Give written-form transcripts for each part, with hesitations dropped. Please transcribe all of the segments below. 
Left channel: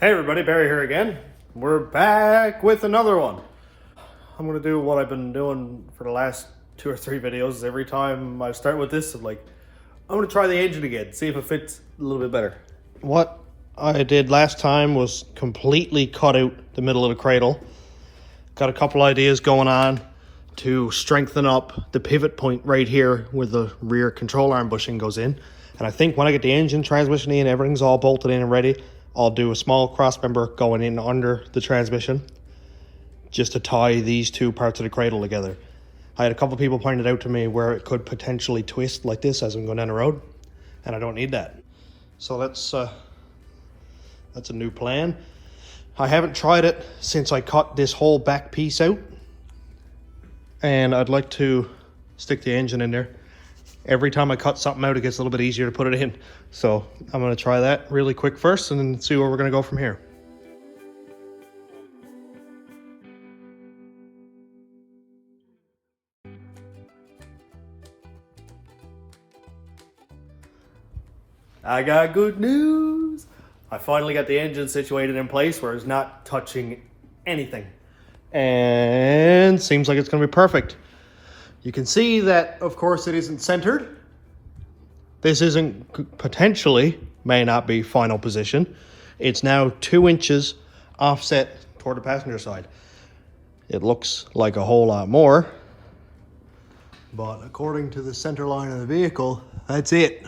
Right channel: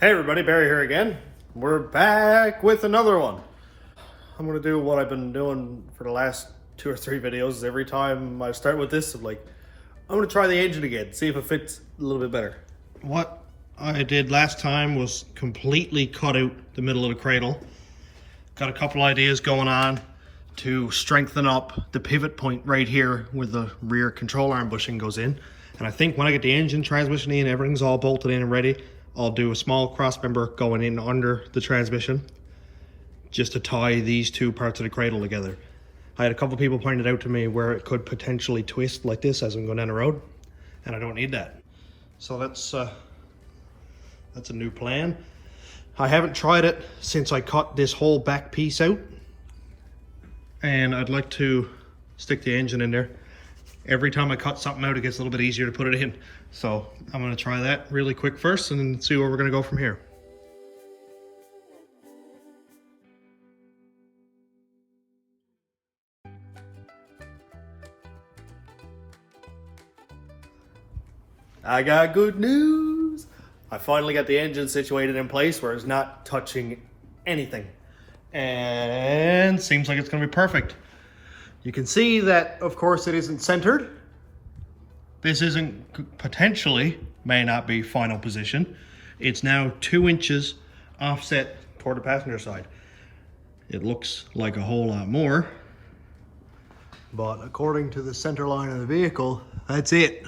Hey everybody, Barry here again. We're back with another one. I'm gonna do what I've been doing for the last 2 or 3 videos. Every time I start with this, I'm gonna try the engine again, see if it fits a little bit better. What I did last time was completely cut out the middle of the cradle. Got a couple ideas going on to strengthen up the pivot point right here where the rear control arm bushing goes in. And I think when I get the engine, transmission in, everything's all bolted in and ready, I'll do a small cross member going in under the transmission just to tie these two parts of the cradle together. I had a couple people pointed out to me where it could potentially twist like this as I'm going down the road, and I don't need that. So that's a new plan. I haven't tried it since I cut this whole back piece out, and I'd like to stick the engine in there. Every time I cut something out, it gets a little bit easier to put it in. So I'm gonna try that really quick first and then see where we're gonna go from here. I got good news. I finally got the engine situated in place where it's not touching anything. And seems like it's gonna be perfect. You can see that, of course, it isn't centered. This isn't, potentially, may not be final position. It's now 2 inches offset toward the passenger side. It looks like a whole lot more, but according to the center line of the vehicle, that's it.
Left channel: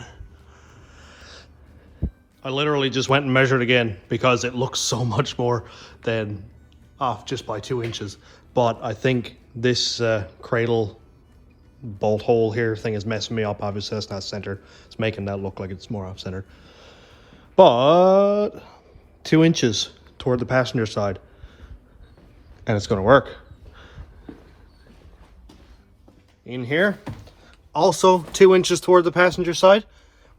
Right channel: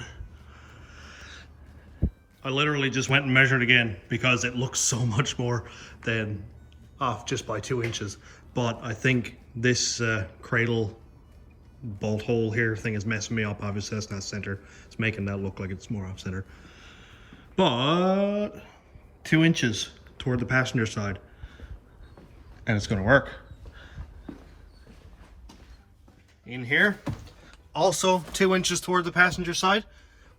I literally just went and measured again because it looks so much more than off just by 2 inches. But I think this cradle bolt hole here thing is messing me up. Obviously that's not centered. It's making that look like it's more off center. But 2 inches toward the passenger side, and it's going to work. In here, also 2 inches toward the passenger side.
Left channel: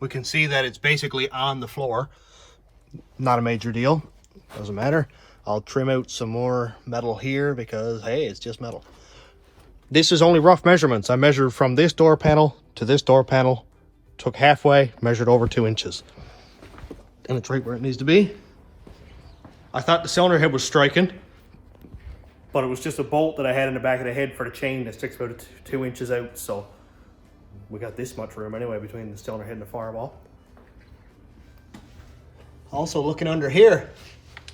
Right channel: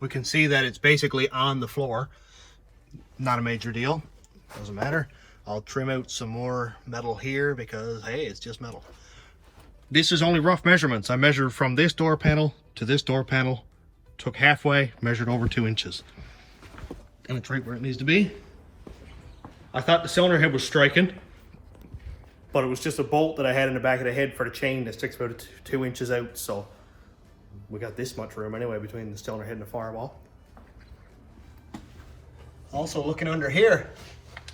We can see that it's basically on the floor. Not a major deal, doesn't matter. I'll trim out some more metal here because hey, it's just metal. This is only rough measurements. I measured from this door panel to this door panel, took halfway, measured over 2 inches. And it's right where it needs to be. I thought the cylinder head was striking, but it was just a bolt that I had in the back of the head for the chain that sticks about 2 inches out. So we got this much room anyway between the cylinder head and the firewall. Also looking under here,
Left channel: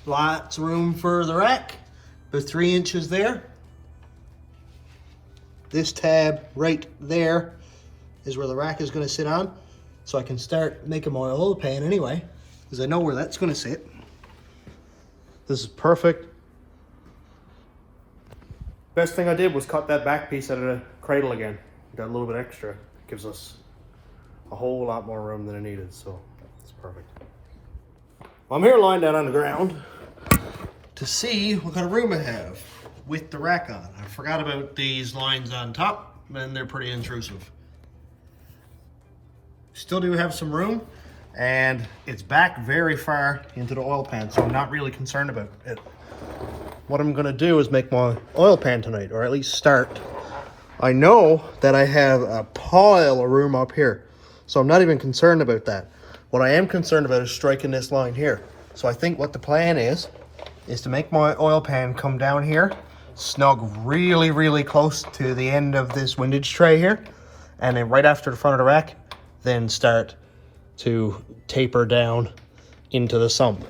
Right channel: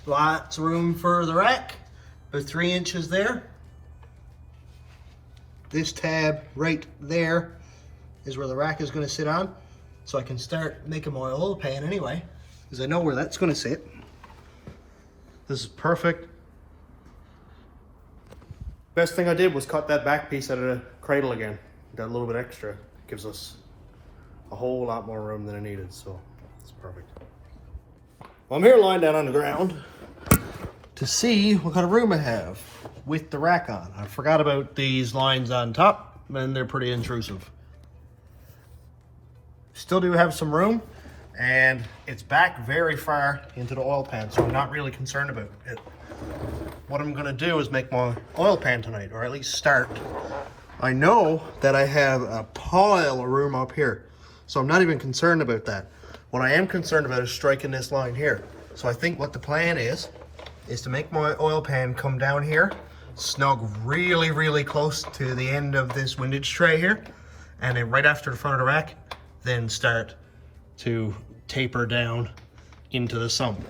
lots of room for the rack. There's 3 inches there. This tab right there is where the rack is going to sit on. So I can start making my oil pan anyway, because I know where that's going to sit. This is perfect. Best thing I did was cut that back piece out of the cradle again. Got a little bit extra. It gives us a whole lot more room than I needed, so it's perfect. Well, I'm here lying down on the ground to see what kind of room I have with the rack on. I forgot about these lines on top, and they're pretty intrusive. Still do have some room, and it's back very far into the oil pan, so I'm not really concerned about it. What I'm gonna do is make my oil pan tonight, or at least start. I know that I have a pile of room up here, so I'm not even concerned about that. What I am concerned about is striking this line here. So I think what the plan is to make my oil pan come down here, snug really, really close to the end of this windage tray here, and then right after the front of the rack, then start to taper down into the sump.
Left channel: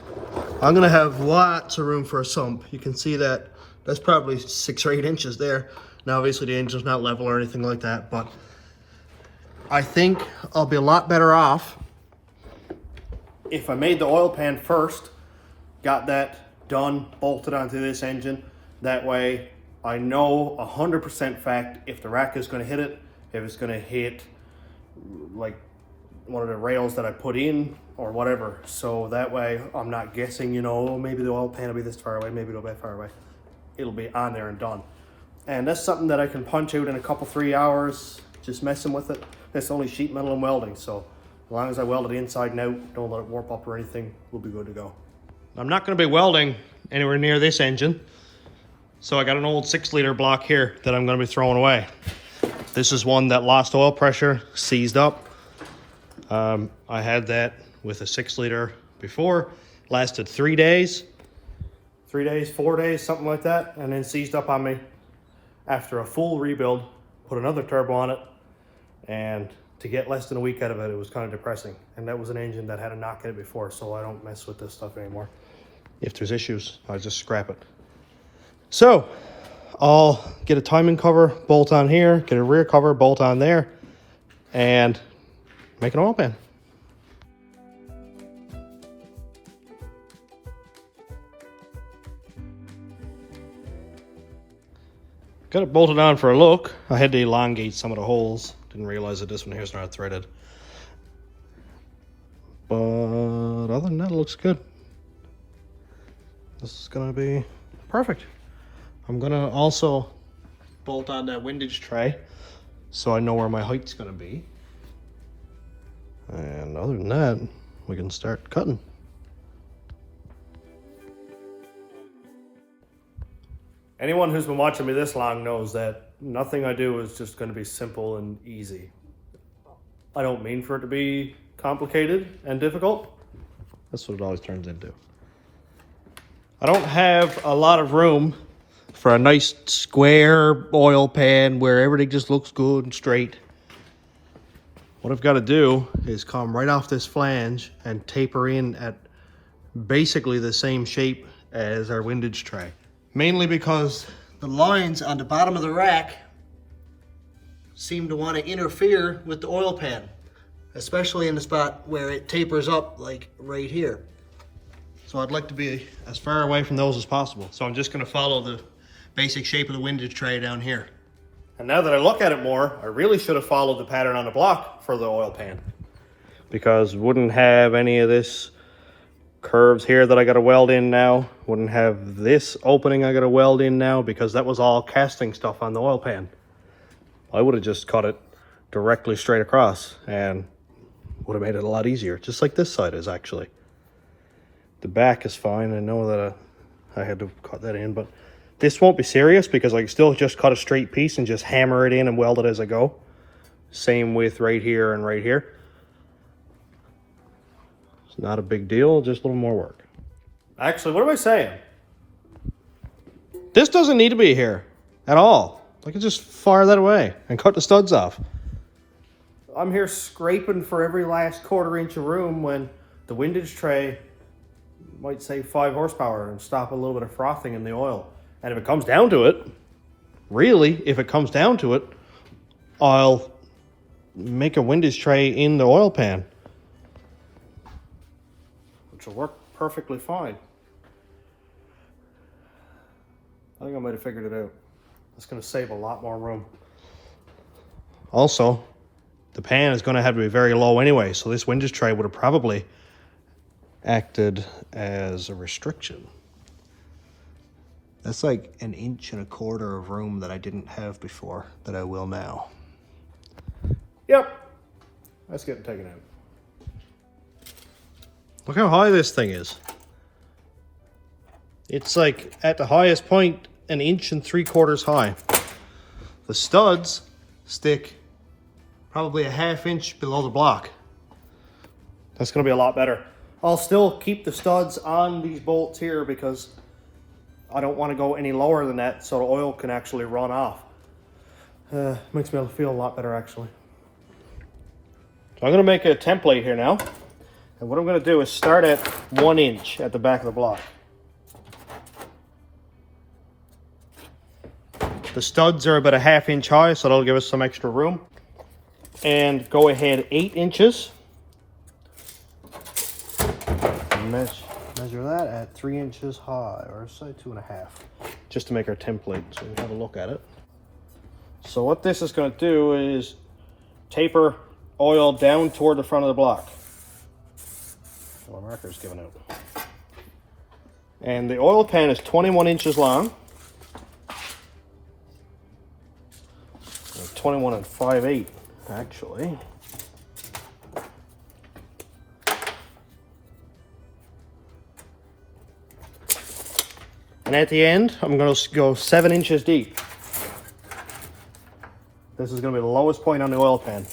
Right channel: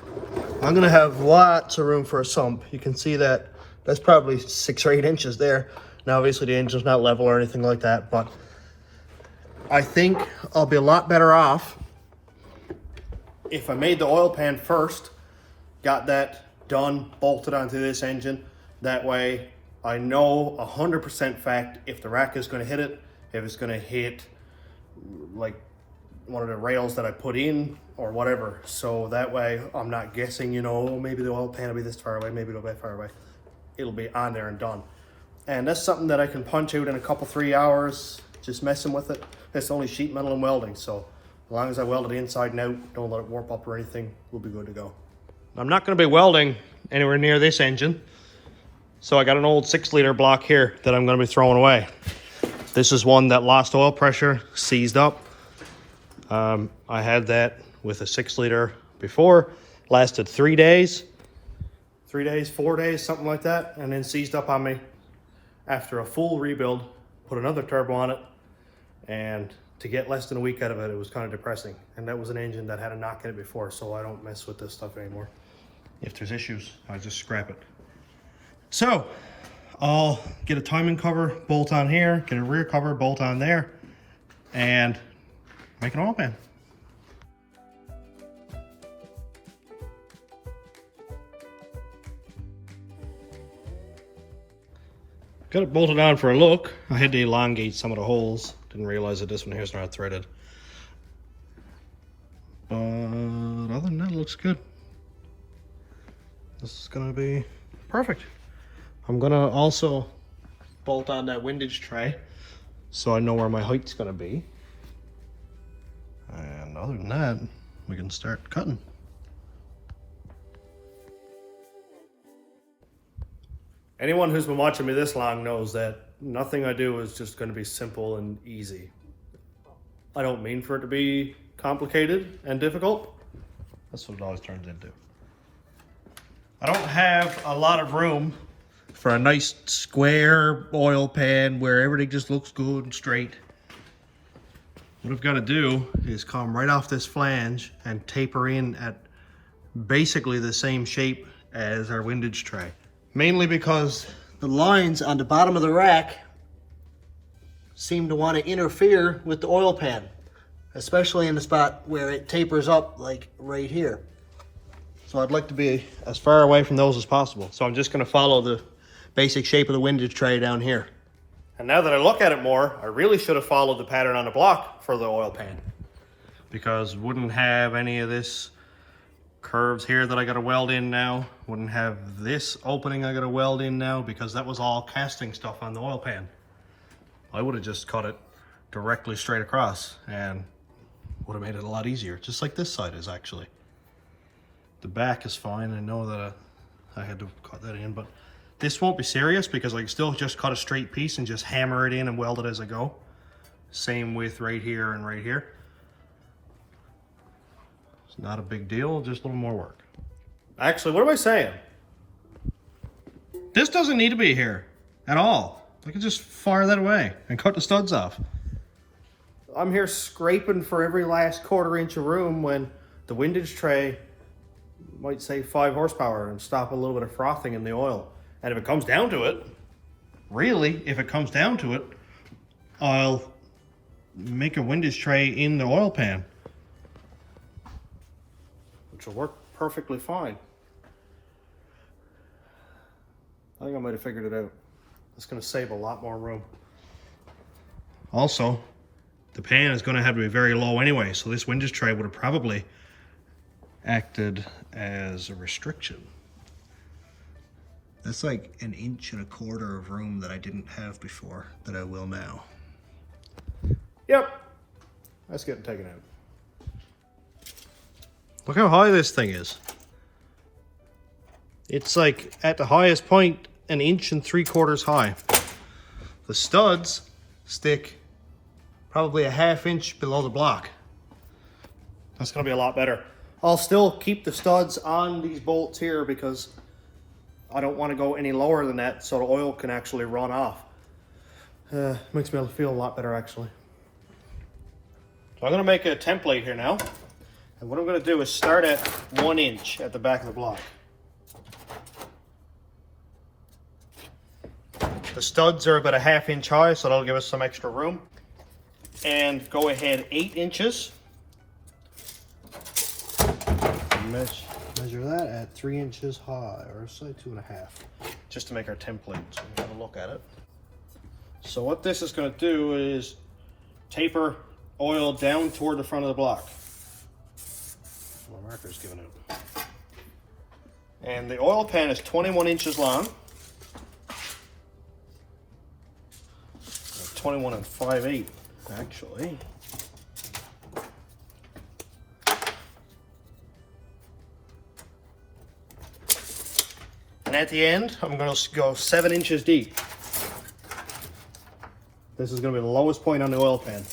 I'm gonna have lots of room for a sump. You can see that that's probably 6 or 8 inches there. Now obviously the engine's not level or anything like that, but I think I'll be a lot better off if I made the oil pan first, got that done, bolted onto this engine. That way I know 100% fact if the rack is going to hit it, if it's going to hit like one of the rails that I put in or whatever. So that way I'm not guessing, you know, maybe the oil pan will be this far away, maybe it'll be that far away. It'll be on there and done. And that's something that I can punch out in a couple, 3 hours, just messing with it. It's only sheet metal and welding, so as long as I weld it inside and out, don't let it warp up or anything, we'll be good to go. I'm not going to be welding anywhere near this engine, so I got an old 6-liter block here that I'm going to be throwing away. This is one that lost oil pressure, seized up. I had that with a 6-liter before, lasted 3 days. 3 days, 4 days, something like that, and then seized up on me after a full rebuild, put another turbo on it, and to get less than a week out of it, it was kind of depressing. And that was an engine that had a knock in it before, so I don't mess with this stuff anymore. If there's issues, I just scrap it. So, I'll get a timing cover, bolt on here, get a rear cover, bolt on there, and make an oil pan. Got it bolted on for a look. I had to elongate some of the holes. Didn't realize that this one here's not threaded. But other than that, it looks good. This is gonna be perfect. I'm gonna also bolt on that windage tray so I know where my height's gonna be. And other than that, we can start cutting. Anyone who's been watching me this long knows that nothing I do is just going to be simple and easy. I don't mean for it to be complicated and difficult. That's what it always turns into. I don't have a lot of room for a nice square oil pan where everything just looks good and straight. What I've got to do is come right off this flange and taper in at basically the same shape as our windage tray. Mainly because the lines on the bottom of the rack seem to want to interfere with the oil pan, especially in the spot where it tapers up, like right here. So I'd like to be as far away from those as possible. So I'm just going to follow the basic shape of the windage tray down here. And now that I look at it more, I really should have followed the pattern on the block for the oil pan, because wouldn't have any of this curves here that I got to weld in now. Wouldn't have this opening I got to weld in now, because that was all casting stuff on the oil pan. I would have just cut it directly straight across and would have made it a lot easier, just like this side is actually. The back is fine. I know that I had to cut that in, but this won't be serious because I can still just cut a straight piece and just hammer it in and weld it as I go. Same with right here and right here. Not a big deal, just a little more work. Actually, what am I saying? This doesn't need to be here at all. I can just fire that away and cut the studs off. I'm here scraping for every last 1/4 inch of room when the windage tray might save 5 horsepower and stop a little bit of frothing in the oil. And if it comes down to it, really, if it comes down to it, I'll make a windage tray in the oil pan, which will work perfectly fine. I think I might have figured it out. It's going to save a lot more room. Also, the pan is going to have to be very low anyway, so this windage tray would have probably acted as a restriction. That's like 1 1/4 inch of room that I didn't have before, that I will now. Yep, that's getting taken out. Look how high this thing is. It's like at the highest point 1 3/4 inches high. The studs stick probably 1/2 inch below the block. That's going to be a lot better. I'll still keep the studs on these bolts here because I don't want to go any lower than that so the oil can actually run off. Makes me feel a lot better actually. So I'm going to make a template here now. And what I'm going to do is start at 1 inch at the back of the block. The studs are about 1/2 inch high, so that'll give us some extra room. And go ahead 8 inches. Measure that at 3 inches high, or say 2.5, just to make our template so we have a look at it. So what this is going to do is taper oil down toward the front of the block. Well, the marker's giving out. And the oil pan is 21 inches long. 21 5/8 actually. And at the end, I'm going to go 7 inches deep. This is going to be the lowest point on the oil pan.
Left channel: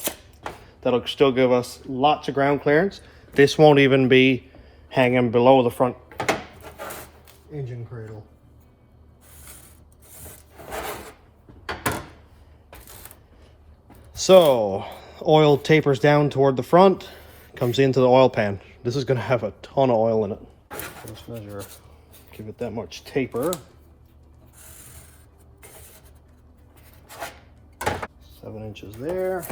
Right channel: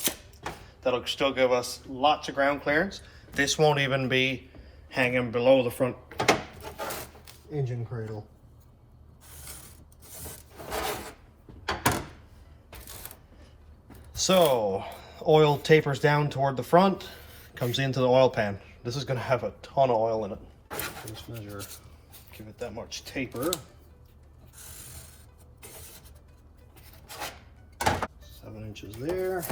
That'll still give us lots of ground clearance. This won't even be hanging below the front engine cradle. So, oil tapers down toward the front, comes into the oil pan. This is going to have a ton of oil in it. Just measure, give it that much taper. 7 inches there.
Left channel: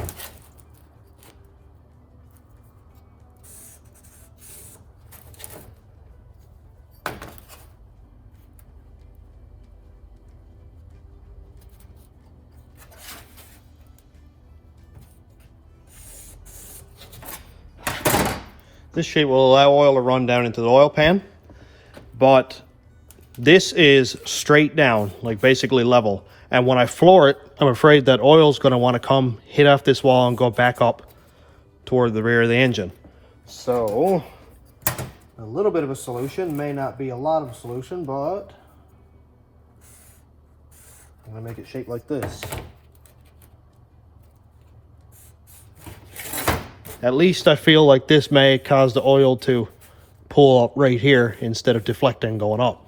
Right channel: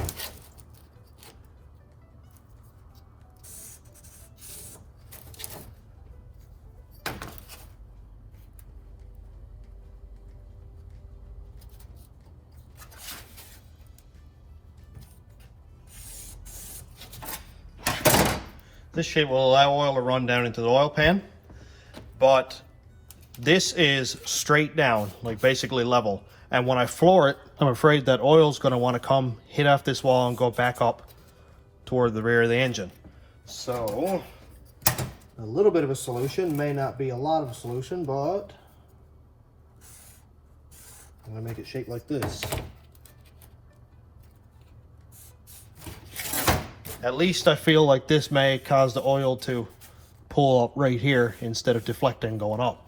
This shape will allow oil to run down into the oil pan, but this is straight down, like basically level. And when I floor it, I'm afraid that oil is going to want to come hit off this wall and go back up toward the rear of the engine. So, a little bit of a solution, may not be a lot of a solution, but I'm going to make it shape like this. At least I feel like this may cause the oil to pull up right here instead of deflecting going up.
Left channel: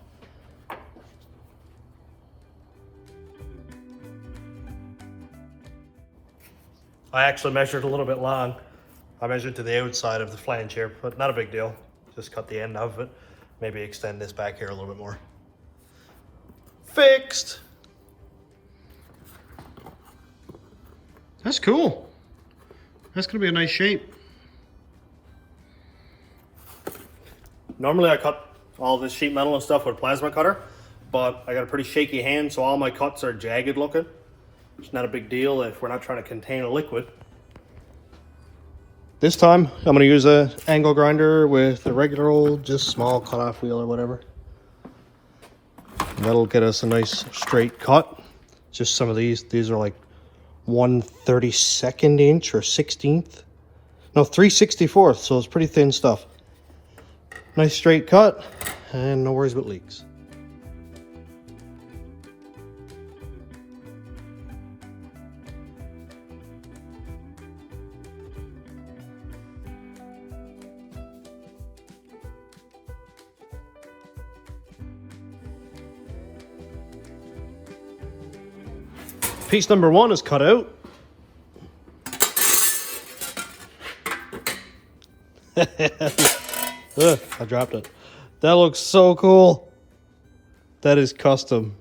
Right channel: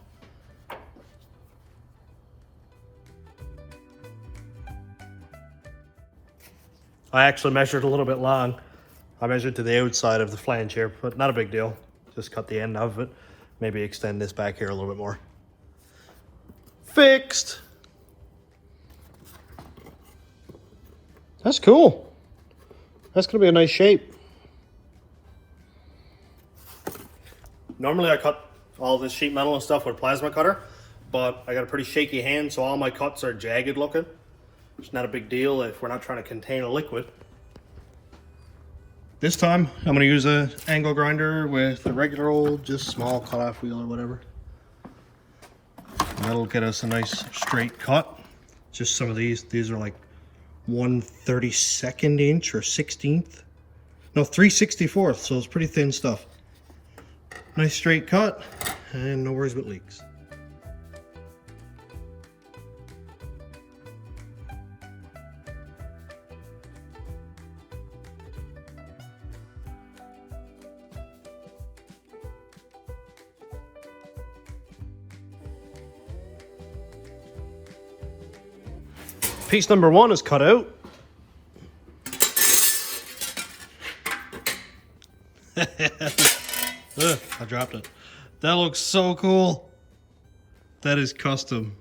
I actually measured a little bit long. I measured to the outside of the flange here, but not a big deal. Just cut the end of it. Maybe extend this back here a little bit more. Fixed! That's cool. That's gonna be a nice shape. Normally I cut all this sheet metal and stuff with a plasma cutter, but I got a pretty shaky hand, so all my cuts are jagged looking. It's not a big deal if we're not trying to contain a liquid. This time I'm gonna use an angle grinder with the regular old, just small cutoff wheel or whatever. That'll get us a nice straight cut. Just some of these are like 1/32 inch or 16th. No, 3/64, so it's pretty thin stuff. Nice straight cut, and no worries about leaks. Piece number 1 is cut out. Ugh, I dropped it. That looks so cool. That is custom.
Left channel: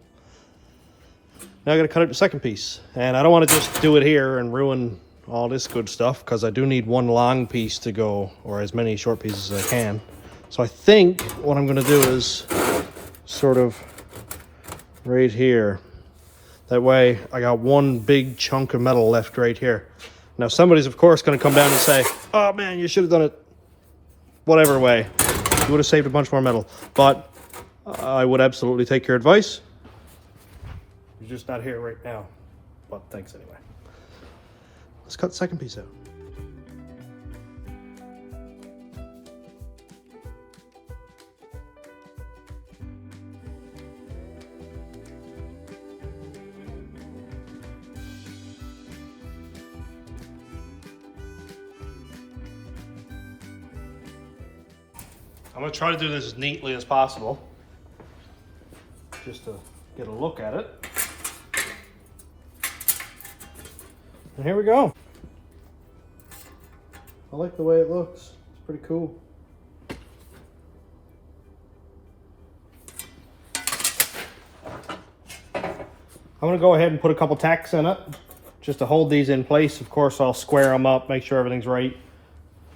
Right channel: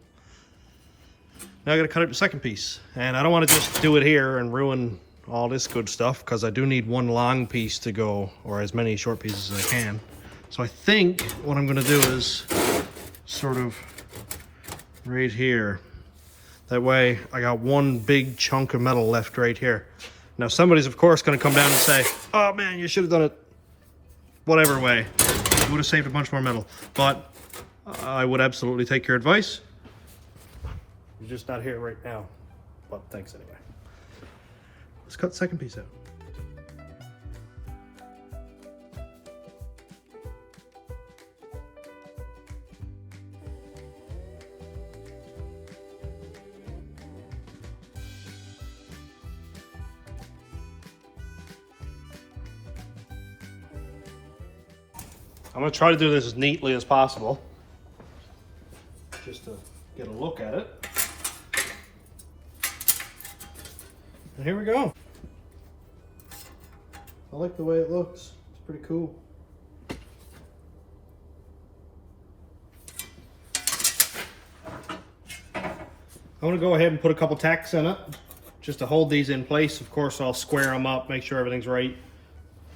Now I gotta cut out the second piece. And I don't want to just do it here and ruin all this good stuff, because I do need one long piece to go, or as many short pieces as I can. So I think what I'm gonna do is sort of right here. That way I got one big chunk of metal left right here. Now somebody's of course gonna come down and say, oh man, you should have done it whatever way. You would have saved a bunch more metal. But I would absolutely take your advice. You're just not here right now. But thanks anyway. Let's cut the second piece out. I'm going to try to do this as neatly as possible, just to get a look at it. And here we go. I like the way it looks. It's pretty cool. I'm going to go ahead and put a couple tacks in it, just to hold these in place. Of course, I'll square them up, make sure everything's right,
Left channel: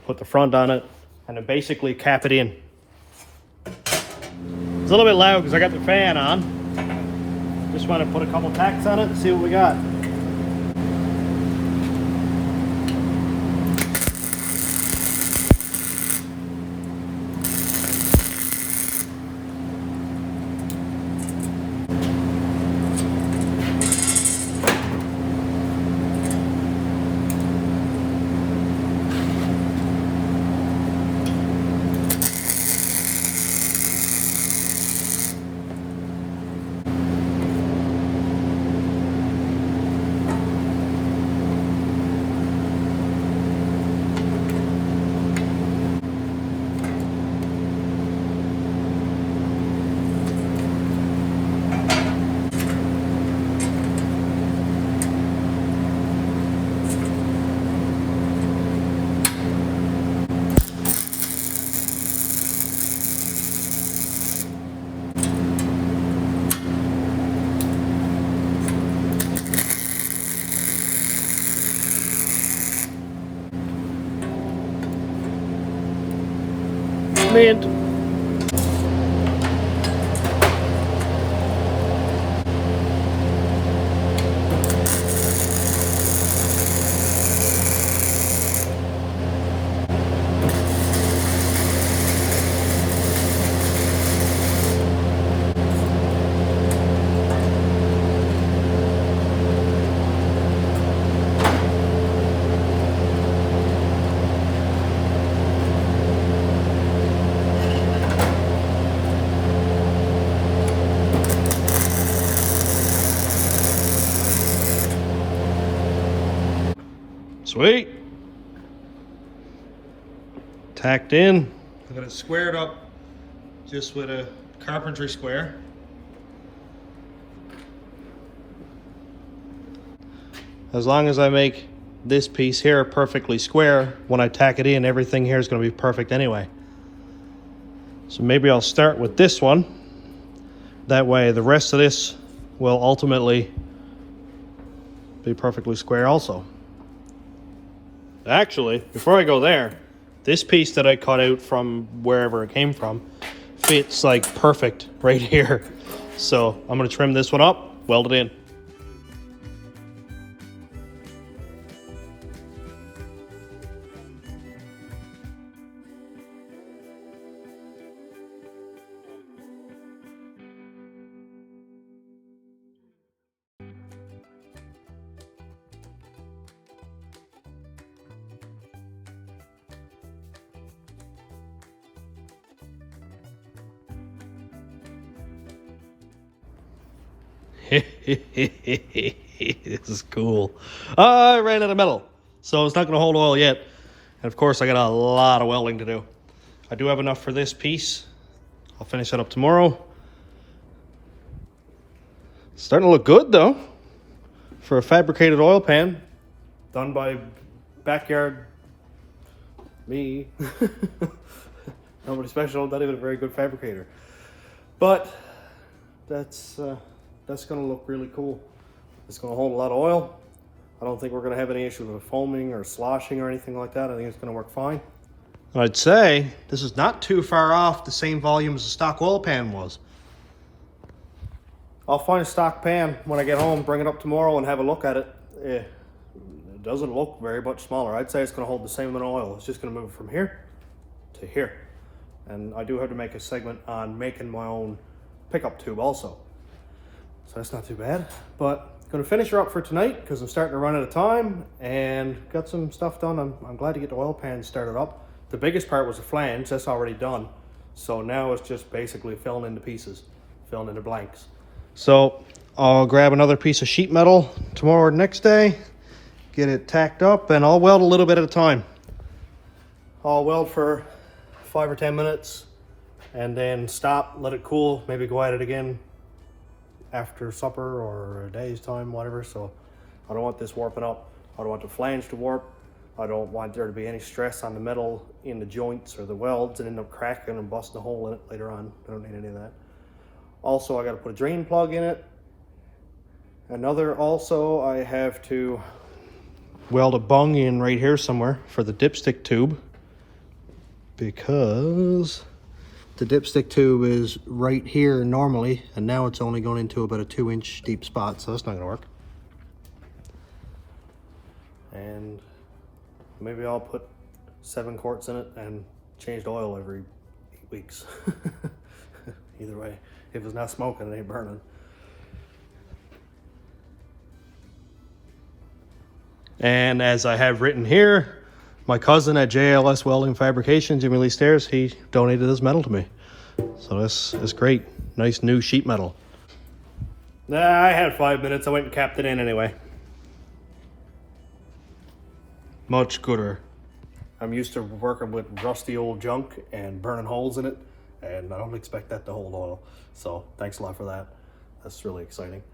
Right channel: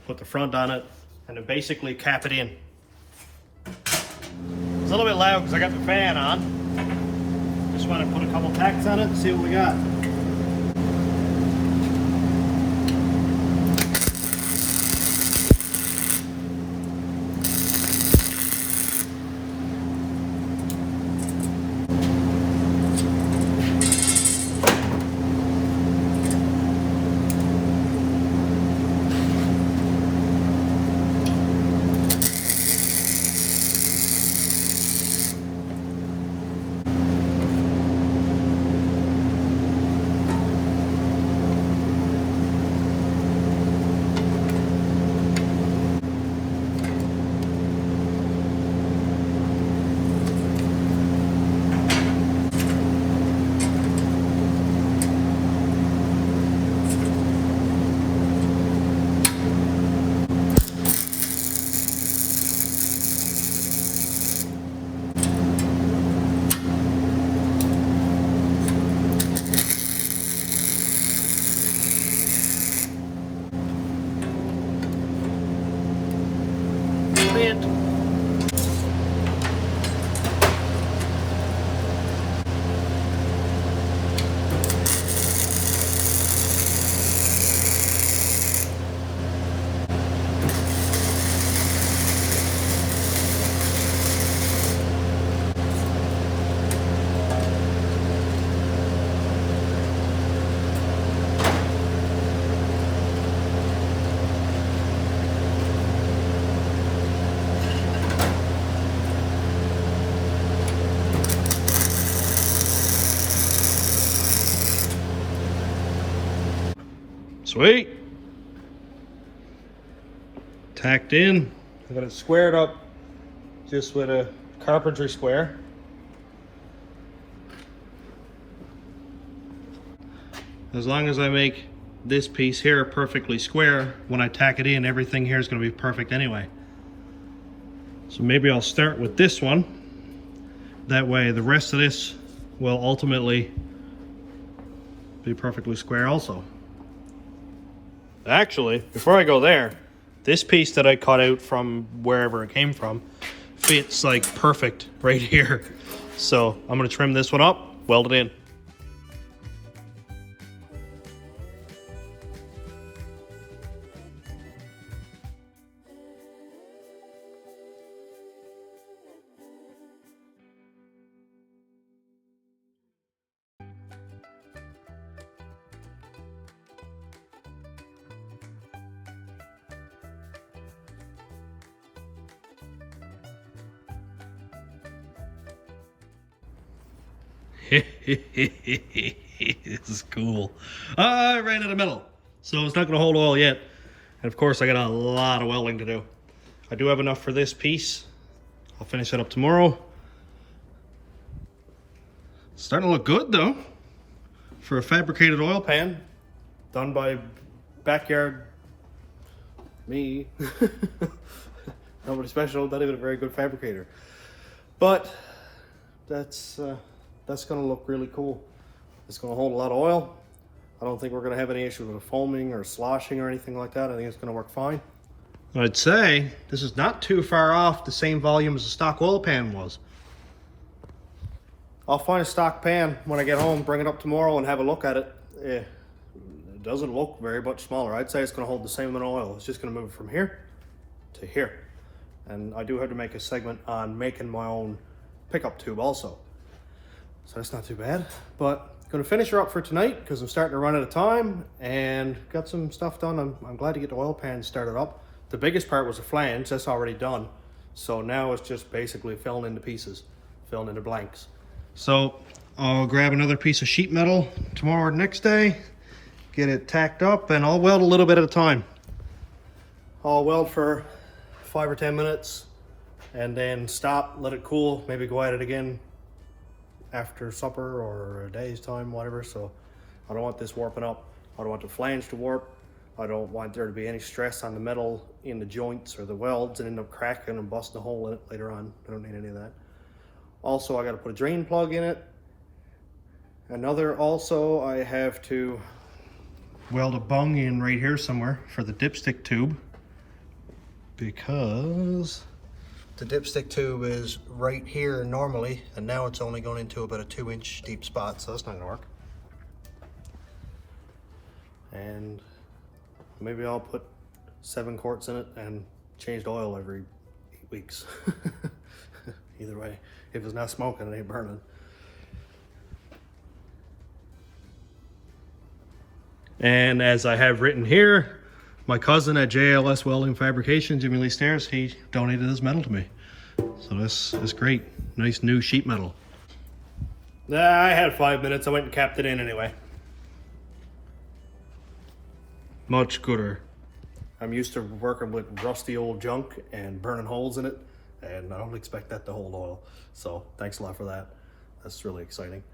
put the front on it, and then basically cap it in. It's a little bit loud because I got the fan on. Just want to put a couple tacks on it and see what we got. Sweet. Tacked in. I got it squared up just with a carpentry square. As long as I make this piece here perfectly square, when I tack it in, everything here is going to be perfect anyway. So maybe I'll start with this one. That way the rest of this will ultimately be perfectly square also. Actually, before I go there, this piece that I cut out from wherever it came from fits like perfect right here. So I'm going to trim this one up, weld it in. This is cool. I ran out of metal, so it's not going to hold oil yet. And of course, I got a lot of welding to do. I do have enough for this piece. I'll finish it up tomorrow. It's starting to look good though, for a fabricated oil pan done by backyard me. Nobody special, not even a very good fabricator. But that's going to look really cool. It's going to hold a lot of oil. I don't think we're going to have any issues with foaming or sloshing or anything like that. I think it's going to work fine. I'd say this is not too far off the same volume as the stock oil pan was. I'll find a stock pan when I get home, bring it up tomorrow and have a look at it. It doesn't look very much smaller. I'd say it's going to hold the same amount of oil. It's just going to move from here to here. And I do have to make a segment on making my own pickup tube also. So that's not too bad, but I'm gonna finish her up for tonight because I'm starting to run out of time and got some stuff done. I'm glad to get the oil pan started up. The biggest part was the flange, that's already done. So now it's just basically filling in the pieces, filling in the blanks. So I'll grab another piece of sheet metal tomorrow or next day, get it tacked up, and I'll weld a little bit at a time. I'll weld for 5 or 10 minutes and then stop, let it cool, maybe go at it again after supper or a day's time, whatever. So I don't want this warping up. I don't want the flange to warp. I don't want there to be any stress on the metal in the joints or the welds and end up cracking and busting a hole in it later on. I don't need any of that. Also, I got to put a drain plug in it. Also, I have to weld a bung in right here somewhere for the dipstick tube, because the dipstick tube is right here normally, and now it's only going into about a 2-inch deep spot, so that's not gonna work. And maybe I'll put 7 quarts in it and change the oil every 8 weeks. Either way, if it's not smoking, it ain't burning. And as I have written here, my cousin at JLS Welding Fabrications in Lee Stairs, he donated his metal to me. So this is great. Nice new sheet metal. I had 5 minutes. I went and capped it in anyway. Much gooder. I'm used to working with rusty old junk and burning holes in it, and I don't expect that to hold oil. So thanks a lot for that. That's really exciting.